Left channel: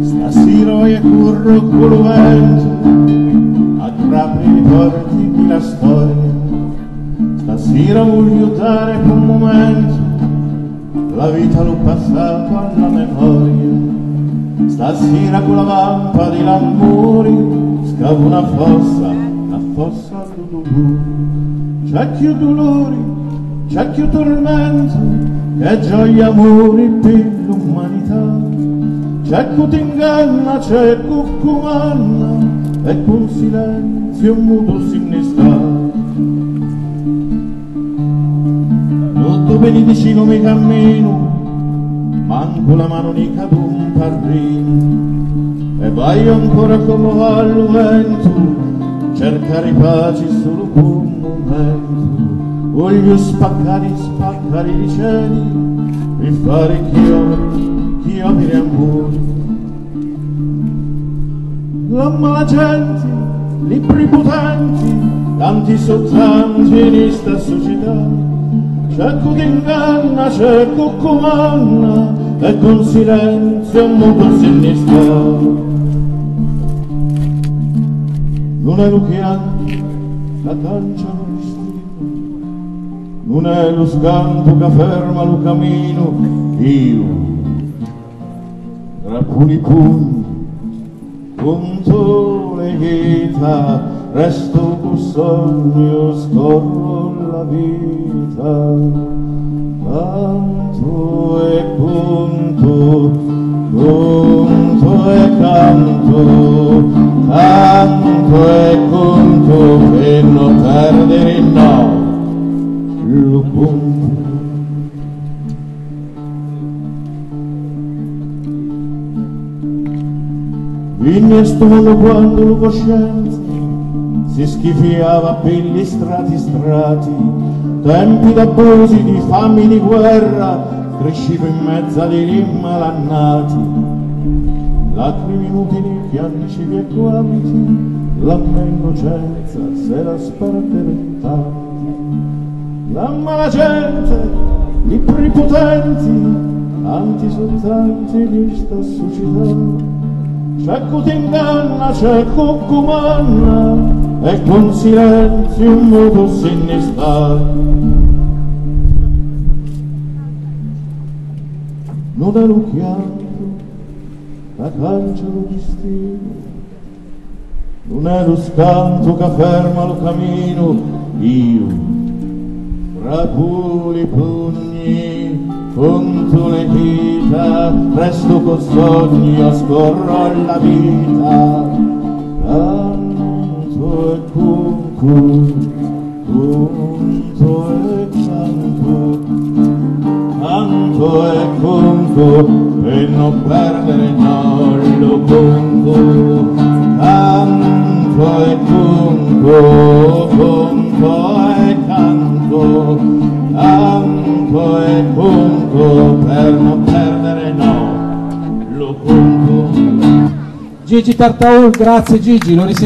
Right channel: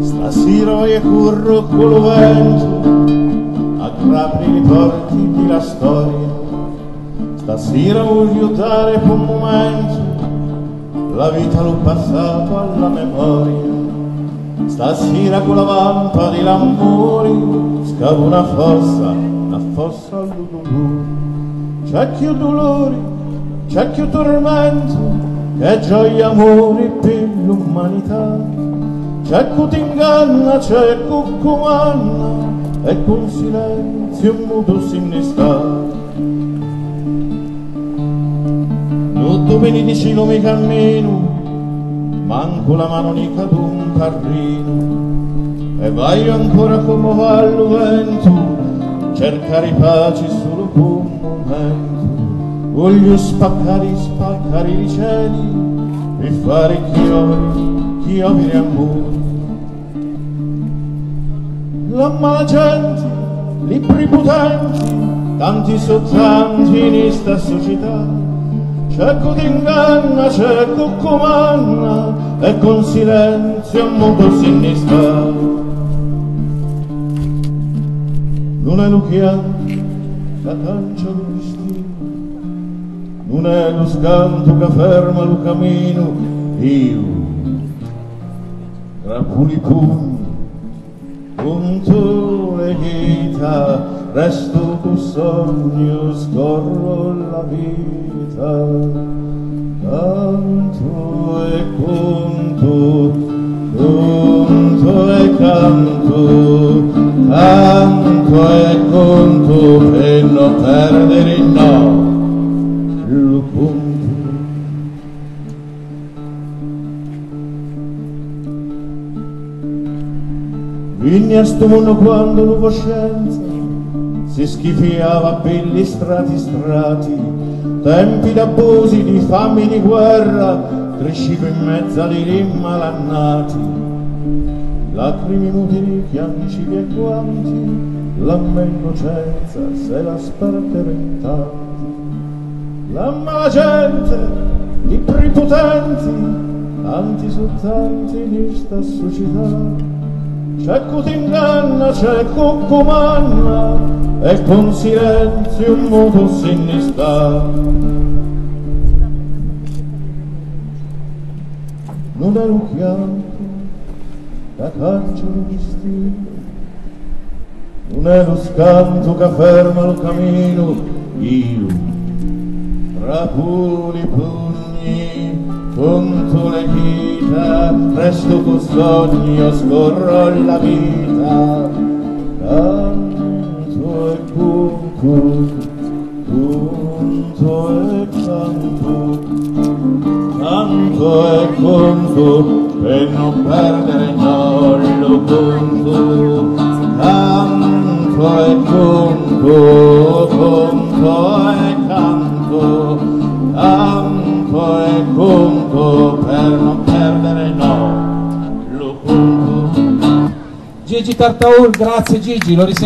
Stasera voglio corro con lo vento, aggrappi i ricordi della storia. Stasera voglio dare per un momento la vita l'ho passato alla memoria. Stasera con la vampa di l'amore scava una fossa al blu. C'è più dolori, c'è più tormento, che gioia amore per l'umanità. C'è chi ti inganna, c'è chi comanna, e con silenzio muto sinistra. Tutto benedicino mi cammino, manco la mano di cadu un carrino, e vai ancora con lo vallo vento, cercare pace solo per un momento. Voglio spaccare i cieli, per fare chiovere amore. La mala gente, libri potenti, tanti sottanti in questa società. C'è chi ti inganna, c'è chi comanna, e con silenzio non può sinistra. Non è lo chianto che tancia lo destino, non è lo scanto che ferma lo cammino. Io, tra puri pugni, punto le dita, resto con sogno, scorro la vita. Canto e conto, punto e canto, tanto e conto per non perdere il no, lo punto. Vigna stuno quando la coscienza si schifiava per gli strati, tempi d'abusi, di fame, di guerra, crescivo in mezzo dei malannati. Lacrime inutili, pianti civi e quanti, la mia innocenza se la spardementati. La mala gente, i prepotenti, tanti soltanti di sta società. C'è chi ti inganna, c'è chi comanna, e con silenzio un moto sinistra. Non è lo chianto che cancia lo destino, non è lo scanto che ferma lo cammino. Io, tra puri pugni, conto le dita, resto col sogno, scorro la vita. Canto e conto, conto e canto, canto e conto, per non perdere no, lo conto. Canto e conto, conto e canto, canto e conto, per non perdere no, lo conto. Gigi Tartaul, grazie Gigi, lo risentiamo.